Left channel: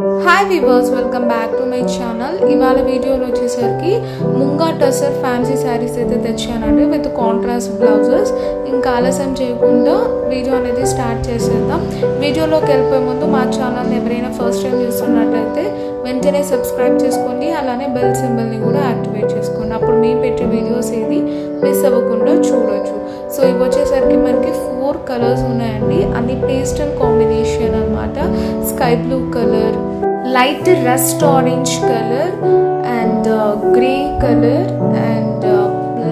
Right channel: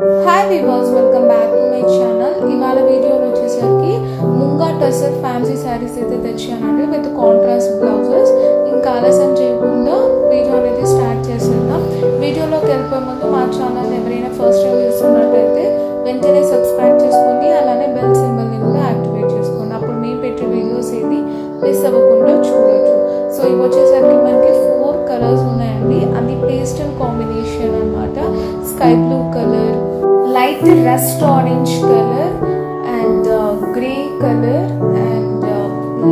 Hi viewers, welcome back to my channel. ఇవాళ వీడియోలో వచ్చేసరికి ముంగా టసర్ ఫ్యాన్సీ సారీస్ అయితే తెచ్చానండి విత్ కాంట్రాస్ట్ బ్లౌజెస్. ఇంకా ఆలస్యం చేయకుండా వీడియో అనేది స్టార్ట్ చేసేద్దాం. వీడియోలోకి వెళ్ళిపోయే ముందు మా ఛానల్ని ఎవరైనా ఫస్ట్ టైం చూస్తున్నట్టయితే వెంటనే సబ్స్క్రైబ్ చేసుకోండి, అలానే బెల్ సింబల్ని కూడా యాక్టివేట్ చేసుకోండి. అప్పుడు మేము పెట్టే వీడియోస్ ఏవి మిస్ అవ్వకుండా చూడొచ్చు. సో ఇవి వచ్చేసరికి మనకి 4 కలర్స్ ఉన్నాయండి, అన్ని పేస్టల్ కాంబినేషన్ అన్నమాట. Sky blue colour, light rust orange color and grey color and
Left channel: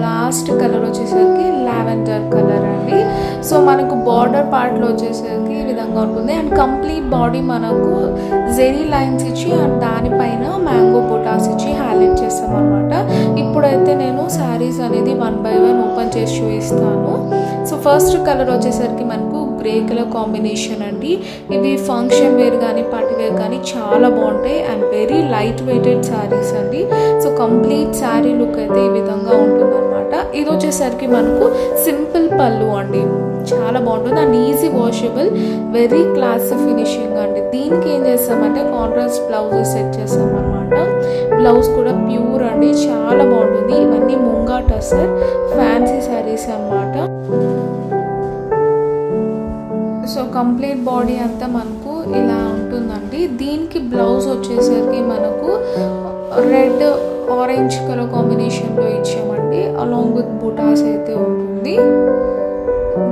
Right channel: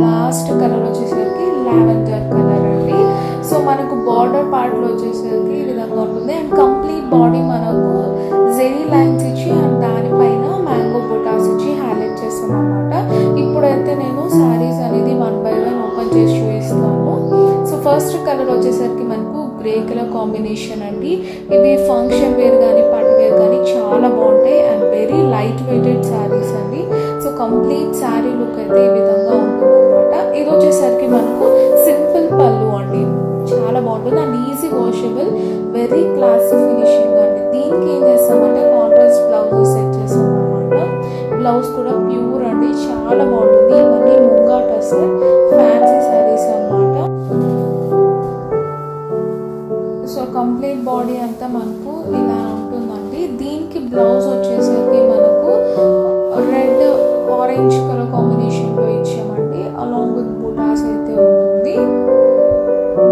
last color వచ్చేసరికి లావెండర్ కలర్ అండి. సో మనకు బార్డర్ పార్ట్లో వచ్చేసరికి ఈ విధంగా ఉంటుంది అండ్ కంప్లీట్ బాడీ మనకు జెరీ లైన్స్ ఇచ్చి అండ్ దానిపైన మ్యాంగో బొటాస్ ఇచ్చి హైలైట్ చేస్తాం అనమాట. ఇప్పుడైతే నేను శారీస్ అనేది 1 by 1 ఓపెన్ చేసి చూపిస్తాను. సో ఫస్ట్ కలర్ వచ్చేసరికి మనకు గ్రే కలర్ కాంబినేషన్ అండి. ఇవి ఫంక్షన్ వేర్ కానీ పార్టీ వేర్ కానీ చాలా బాగుంటాయి and very light weighted saris అండి. సో కంప్లీట్ శారీ లుక్ అయితే ఈ విధంగా ఉంటుంది అనమాట. ఇది వచ్చేసరికి మనకు సింపుల్ పళ్ళు అండి, చాలా బాగుంటుంది and easy washable, very classy finishing అండి. దీనికి ఏం చేస్తామంటే కాంట్రాస్ట్ బ్లౌజెస్ సెట్ చేస్తాం అనమాట. బ్లౌజ్ కూడా ప్యూర్ అండి, చాలా బాగుంటుంది. ఇవన్నీ ముంగా టసర్ ఫ్యాన్సీ శారీస్ అన్నమాట. సో కంప్లీట్ బాడీ అంతా మనకు ఇలా ఉంటుందండి. దీనికి బ్లౌజ్ వచ్చేసరికి మనకు రెడ్ ఆరెంజ్ కలర్ కాంబినేషన్లో ఇచ్చామండి, అలాంగ్ విత్ బుటాస్ అయితే ఉంటుంది.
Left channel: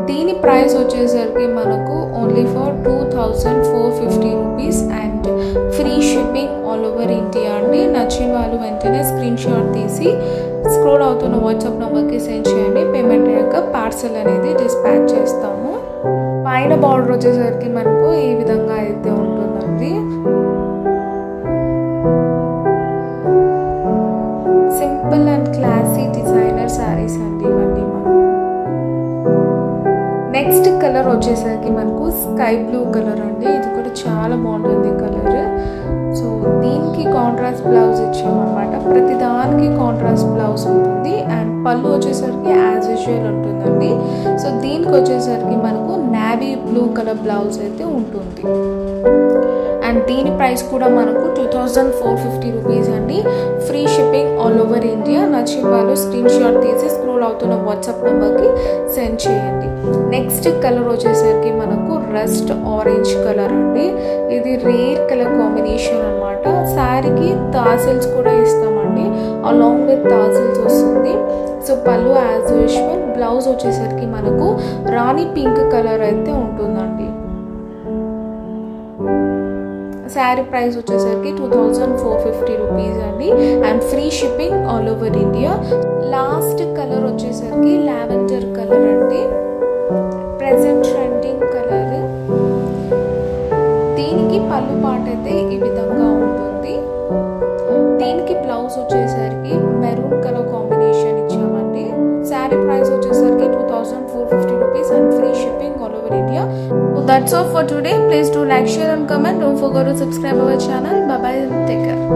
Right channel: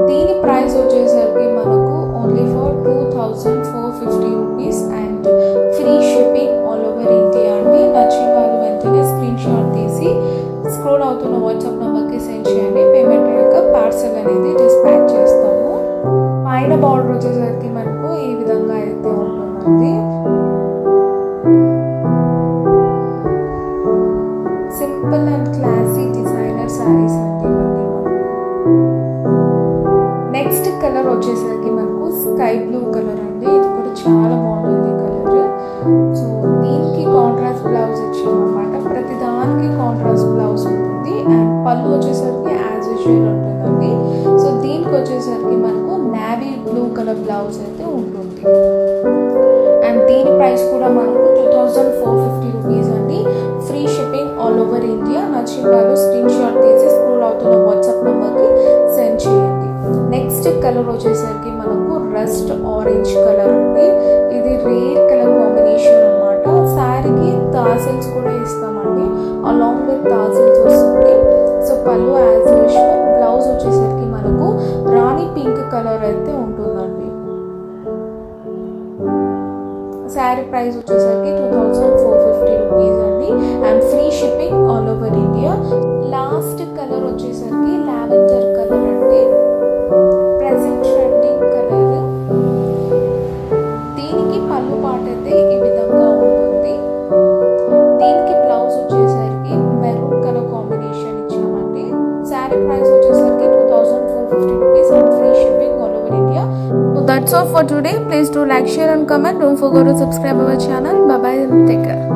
దీని ప్రైస్ వచ్చేసరికి మనకు only for 2450 rupees and free shipping all over India అండి. నచ్చిన వాళ్ళు వెంటనే స్క్రీన్ షాట్ తీసి స్క్రోల్ అవుతున్న వాట్సాప్ నెంబర్కి సెండ్ చేయండి. పేమెంట్ అయ్యాక పార్సల్ అనేది డిస్పాచ్ చేస్తాము. పైన బార్డర్ వచ్చేసరికి మనకు ఈ విధంగా అయితే ఉంటుందండి. Simple and classy designer saris అండి ఇవన్నీ మనకు. నెక్స్ట్ కలర్ వచ్చేసరికి మనకు స్కై బ్లూ కలర్ అండి. ఇది కూడా చాలా బాగుంటుంది కలర్. సో దీనికి కాంట్రాస్ట్ బ్లౌజ్ ఇచ్చామన్నమాట. ప్రతి దానికి కాంట్రాస్ట్ బ్లౌజ్ ఉంటుంది అండ్ పళ్ళు వచ్చేసరికి యాజ్ యూజువల్ ఉంటుందండి. సో దీనికి వచ్చేసరికి మనకు నేవీ బ్లూ కలర్ బ్లౌజ్ అయితే ఉంటుంది అండ్ దీని ప్రైస్ కూడా మనకు 2450 రూపీస్ అండి. Free shipping all over India. నచ్చిన వాళ్ళు స్క్రీన్ షాట్ తీసి స్క్రోల్ అవుతున్న వాట్సాప్ నెంబర్కి సెండ్ చేయండి. నెక్స్ట్ కలర్ వచ్చేసరికి మనకు రస్ట్ ఆరెంజ్ కలర్ అండి. ఇది రేర్ కలర్ కాంబినేషన్ అనమాట. శారీకి టాసిల్స్ కూడా ఇస్తామండి, అలాంగ్ విత్ టాసిల్స్ వస్తుంది. సో పళ్ళు యాజ్ యూజువల్. బ్లౌజ్ వచ్చేసరికి మనకు రాణి పింక్ కలర్ అయితే ఉంటుందండి. శారీ ప్రైస్ వచ్చేసరికి 2450 రూపీస్ అండి and free shipping all over India. Last colour వచ్చేసరికి లావెండర్ కలర్ అండి, ప్రెజెంట్ ట్రెండింగ్ కలర్. దీనికి పళ్ళు పార్ట్ అయితే ఈ విధంగా ఉంటుంది. దీనికి బ్లౌజ్ వచ్చేసరికి మెరూన్ కలర్ కాంబినేషన్ ఇచ్చామండి. శారీ ప్రైస్ వచ్చేసరికి 2450 rupees and free shipping all over India. So that's all for today. Please do like, share and comment. Don't forget to subscribe our channel. Bye bye and take care.